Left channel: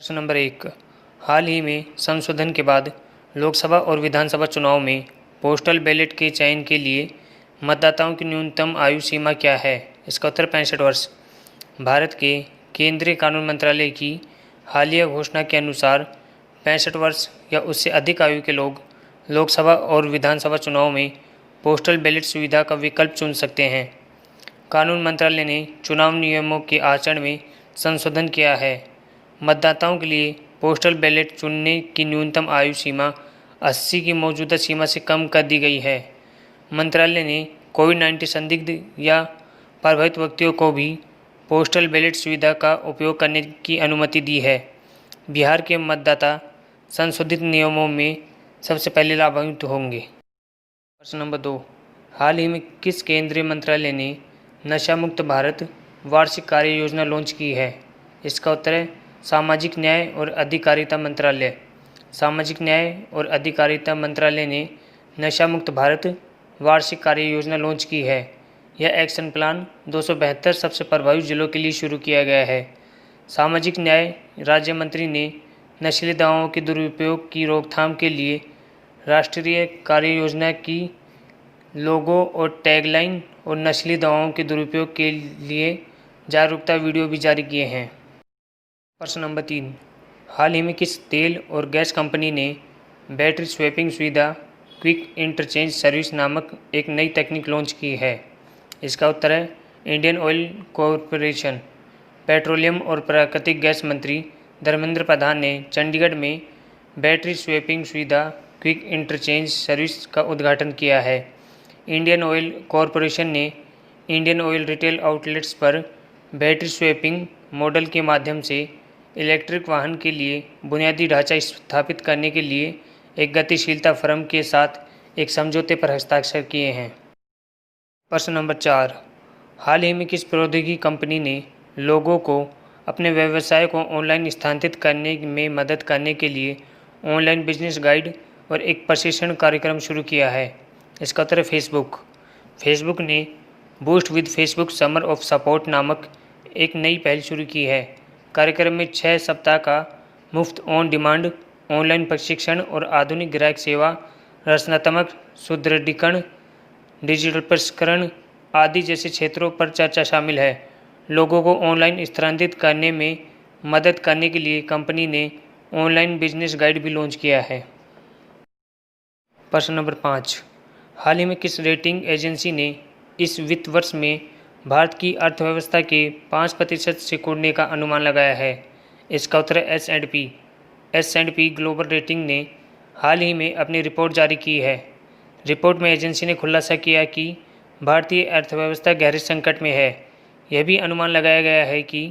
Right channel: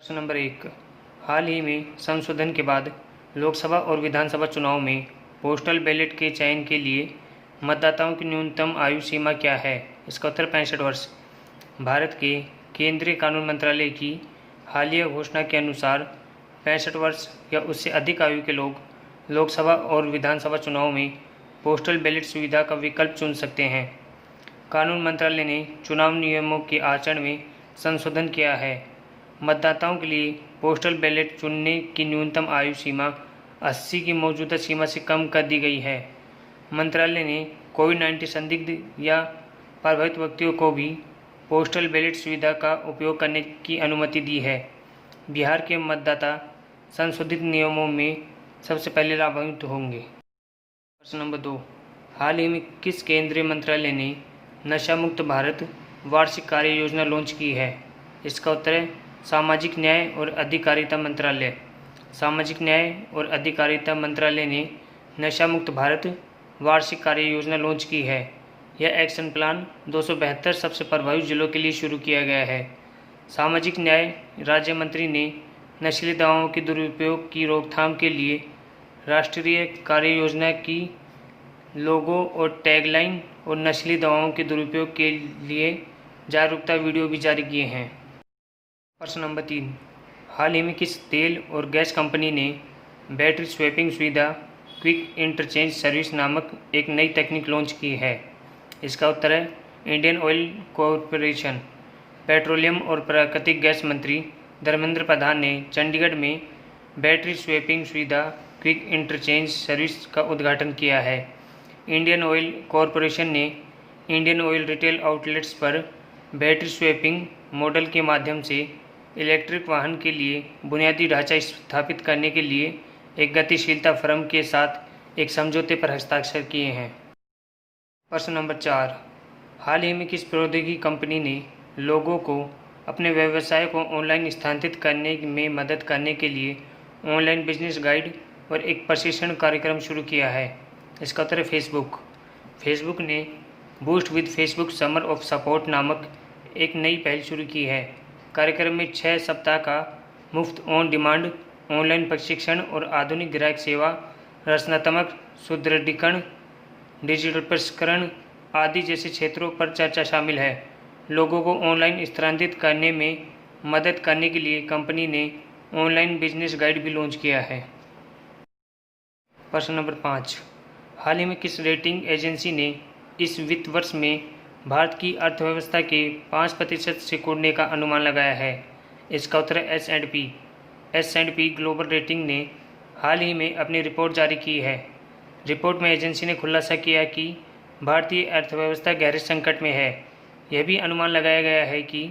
प्रश्न नंबर 1। हाल ही में संशोधन के बाद लोकसभा और विधानसभा चुनाव में पोस्टल बैलेट के चयन के लिए मतदाताओं की न्यूनतम आयु सीमा क्या है? इसका उत्तर 65 वर्ष। भारत के केंद्रीय कानून मंत्रालय की हालिया घोषणा के अनुसार 65 वर्ष या उससे अधिक आयु के लोग लोकसभा और विधानसभा चुनाव में पोस्टल बैलेट सुविधा का विकल्प चुन सकते हैं। कानून मंत्रालय ने चुनाव नियमों के आचरण में संशोधन किया है। मतदाताओं के लिए पोस्टल बैलेट चुनने की न्यूनतम आयु सीमा 80 की मौजूदा सीमा से कम कर दी गई है। मंत्रालय ने कोविड-19 संदिग्ध या प्रभावित व्यक्तियों को भी पोस्टल बैलेट सुविधा का उपयोग करने की अनुमति दी है। बिहार के मतदाता संशोधित नियमों में सबसे पहले लाभान्वित होंगे। प्रश्न नंबर 2। हाल ही में किस केंद्रीय मंत्रालय ने नशा मुक्त भारत वार्षिक कार्य योजना लॉन्च की है? इसका उत्तर है सामाजिक न्याय और अधिकारिता मंत्रालय। सामाजिक न्याय और अधिकारिता मंत्रालय ने नशा मुक्त भारत वार्षिक कार्य योजना लॉन्च की है। यह एक्शन प्लान 272 सबसे प्रभावित जिलों के लिए शुरू किया गया है। सामाजिक न्याय राज्य मंत्री ने नशीली दवाओं के दुरुपयोग की रोकथाम के लिए राष्ट्रीय कार्य योजना की लोगो और टैगलाइन और नशीली दवाओं के दुरुपयोग के लिए जागरूकता वीडियो भी जारी किए हैं। प्रश्न नंबर 3। हाल ही में किस तेल और गैस कंपनी ने बैटरी स्वैपिंग सुविधा क्विक इंटरचेंज सर्विस नामक एक नई तकनीक लॉन्च की है? इसका उत्तर है इंडियन ऑयल कॉरपोरेशन। पेट्रोलियम और प्राकृतिक गैस मंत्री धर्मेंद्र प्रधान ने चंडीगढ़ में बैटरी स्वैपिंग सुविधा क्विक इंटरचेंज सर्विस का उद्घाटन किया है। इंडियन ऑयल कॉरपोरेशन ने इंडियन ऑयल रिटेल आउटलेट्स पर बैटरी स्वैपिंग मॉडल के माध्यम से इलेक्ट्रिक वाहन के लिए बुनियादी ढांचा स्थापित करने के लिए एक गतिशीलता फर्म के साथ एक समझौते पर हस्ताक्षर किए हैं। प्रश्न नंबर 4। हाल ही में किस प्रौद्योगिकी कंपनी ने लोगों को अपने व्यवसाय को ऑनलाइन स्थानांतरित करने में मदद करने के लिए ऑनलाइन बिजनेस गाइड और एक प्रशिक्षण कार्यक्रम शुरू किया है? इसका उत्तर है फेसबुक। फेसबुक ने boost with Facebook summer of support नामक एक नई पहल शुरू की है। कार्यक्रम में 6 सप्ताह का मुफ्त ऑन डिमांड ऑनलाइन प्रशिक्षण और आधुनिक ग्राहक सेवा, रचनात्मक सुदृढ़ीकरण, डिजिटल प्रसंस्करण आदि जैसे क्षेत्रों पर चर्चा शामिल है। लोगों को ऑनलाइन स्थानांतरित करने में मदद करने के लिए कंपनी ने ऑनलाइन बिजनेस गाइड भी लॉन्च किया है। प्रश्न नंबर 5। हाल ही में किस रेटिंग एजेंसी ने इस वित्त वर्ष में भारत की अर्थव्यवस्था के 5% सिकुड़ने का अनुमान लगाया है? इसका उत्तर है एस&पी ग्लोबल रेटिंग ने हाल ही में अपनी रिपोर्ट जारी की है। रिपोर्ट में एजेंसी ने खुलासा किया कि भारतीय अर्थव्यवस्था गहरे संकट में है। यह भी अनुमान लगाया गया है कि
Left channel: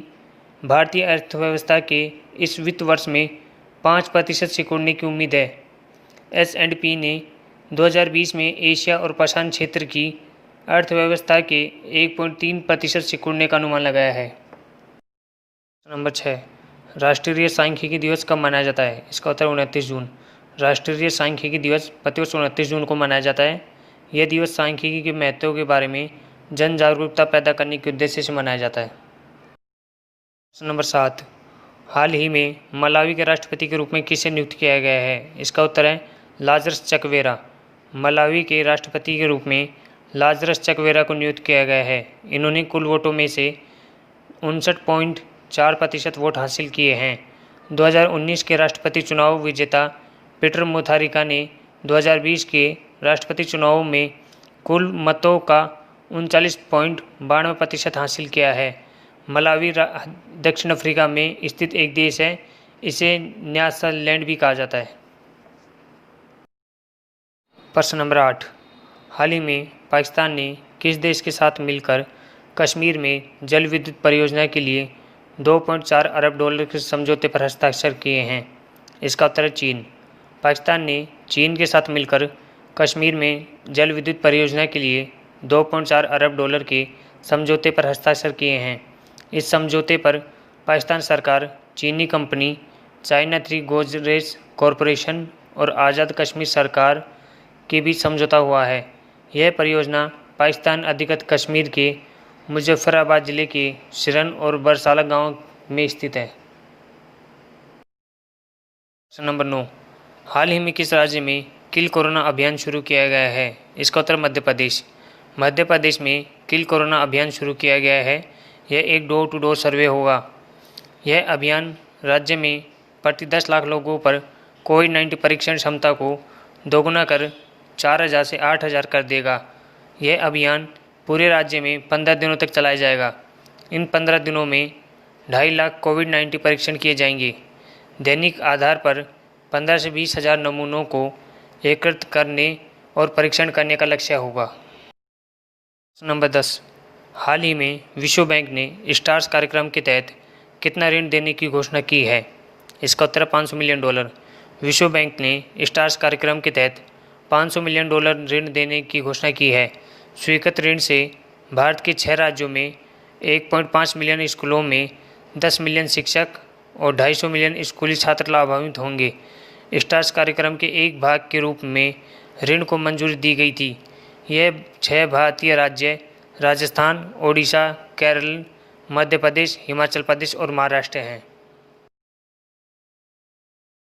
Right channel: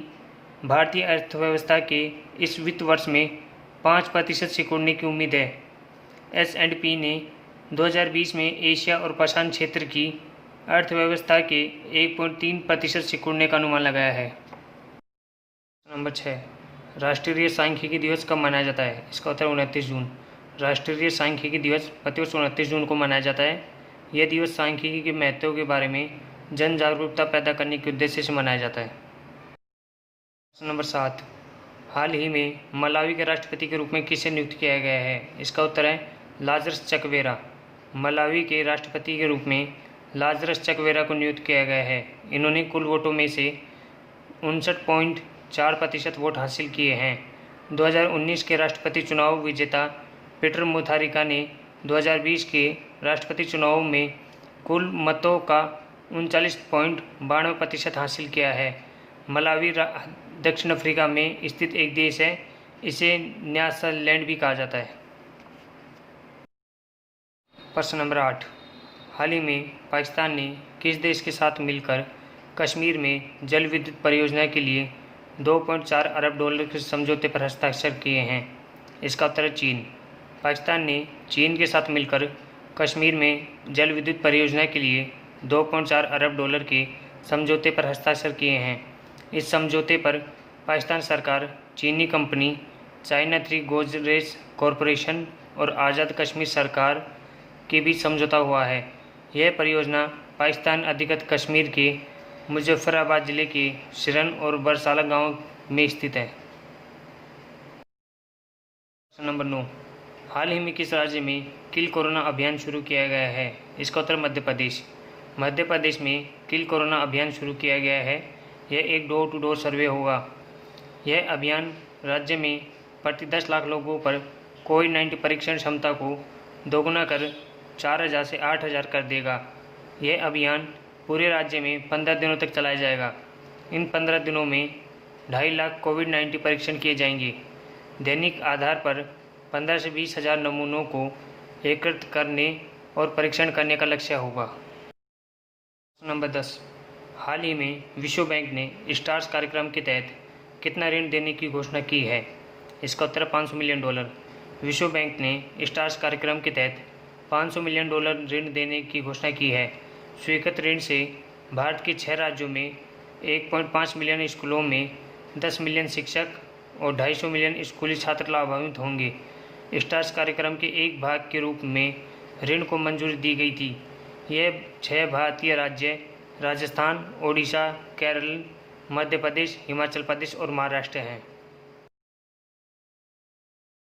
भारतीय अर्थव्यवस्था के इस वित्त वर्ष में 5% सिकुड़ने की उम्मीद है। एस&पी ने 2020 में एशिया और प्रशांत क्षेत्र की अर्थव्यवस्था के 1.3% सिकुड़ने का अनुमान लगाया है। नंबर 6। राष्ट्रीय सांख्यिकी दिवस कब मनाया जाता है? इसका उत्तर 29 जून। राष्ट्रीय सांख्यिकी दिवस प्रतिवर्ष 29 जून को मनाया जाता है। यह दिवस सांख्यिकी के महत्व के बारे में जन जागरूकता पैदा करने के उद्देश्य से मनाया जाता है। नंबर 7। हाल ही में मलावी के राष्ट्रपति के रूप में किसे नियुक्त किया गया है? इसका उत्तर है लाजरस चकवेरा। मलावी के राष्ट्रपति के रूप में लाजरस चकवेरा को नियुक्त किया गया है। इन्होंने कुल वोटों में से 59.4% वोट हासिल किए हैं। 2019 के राष्ट्रपति चुनाव विजेता पीटर मुथारिका ने 2020 के राष्ट्रपति चुनाव में कुल मतों का 39.92% हासिल किया है। मलावी दक्षिण अफ्रीका में स्थित एक देश है। इसे न्यासालैंड भी कहा जाता है। प्रश्न नंबर 8। हाल ही में पाकिस्तान ने किस देश के साथ मिलकर कश्मीर में जल विद्युत परियोजना के लिए 2.4 अरब डॉलर के समझौते पर हस्ताक्षर किए हैं? इसका उत्तर है चीन। पाकिस्तान ने चीन के साथ मिलकर कश्मीर में जल विद्युत परियोजना के लिए 2.4 अरब डॉलर के समझौते पर हस्ताक्षर किए हैं। इस समझौते पर पाकिस्तान सरकार, चीनी कंपनी चाइना 3 गोदरेज कॉरपोरेशन और आज़ाद कश्मीर सरकार के बीच समझौता हुआ है। यह परियोजना पाकिस्तान अधिकृत कश्मीर के मुजफ्फराबाद जिले के सिरन और बरसाला गांव में स्थित है। प्रश्न नंबर 9, हाल ही में किस राज्य में किल कोरोना अभियान शुरू किया गया है? इसका उत्तर मध्य प्रदेश। मध्य प्रदेश में किल कोरोना अभियान शुरू किया गया है। यह एक डोर टू डोर सर्वे होगा। यह अभियान राज्य में प्रति 10 लाख लोगों पर कोविड-19 परीक्षण क्षमता को दोगुना कर 4,000 से 8,000 कर देगा। यह अभियान पूरे राज्य में 15 दिनों तक चलाया जाएगा। इन 15 दिनों में 2.5 लाख कोविड-19 परीक्षण किए जाएंगे। दैनिक आधार पर 15 से 20 हज़ार नमूनों को एकत्रित करने और परीक्षण करने का लक्ष्य होगा। नंबर 10, हाल ही में विश्व बैंक ने स्टार्स कार्यक्रम के तहत कितना ऋण देने की घोषणा की है? इसका उत्तर $500 मिलियन। विश्व बैंक ने स्टार्स कार्यक्रम के तहत $500 मिलियन ऋण देने की घोषणा की है। स्वीकृत ऋण से भारत के 6 राज्यों में 1.5 मिलियन स्कूलों में 10 मिलियन शिक्षक और 250 मिलियन स्कूली छात्र लाभान्वित होंगे। स्टार्स कार्यक्रम के एक भाग के रूप में ऋण को मंजूरी दी गई थी। यह 6 भारतीय राज्य राजस्थान, ओडिशा, केरल, मध्य प्रदेश, हिमाचल प्रदेश और महाराष्ट्र हैं।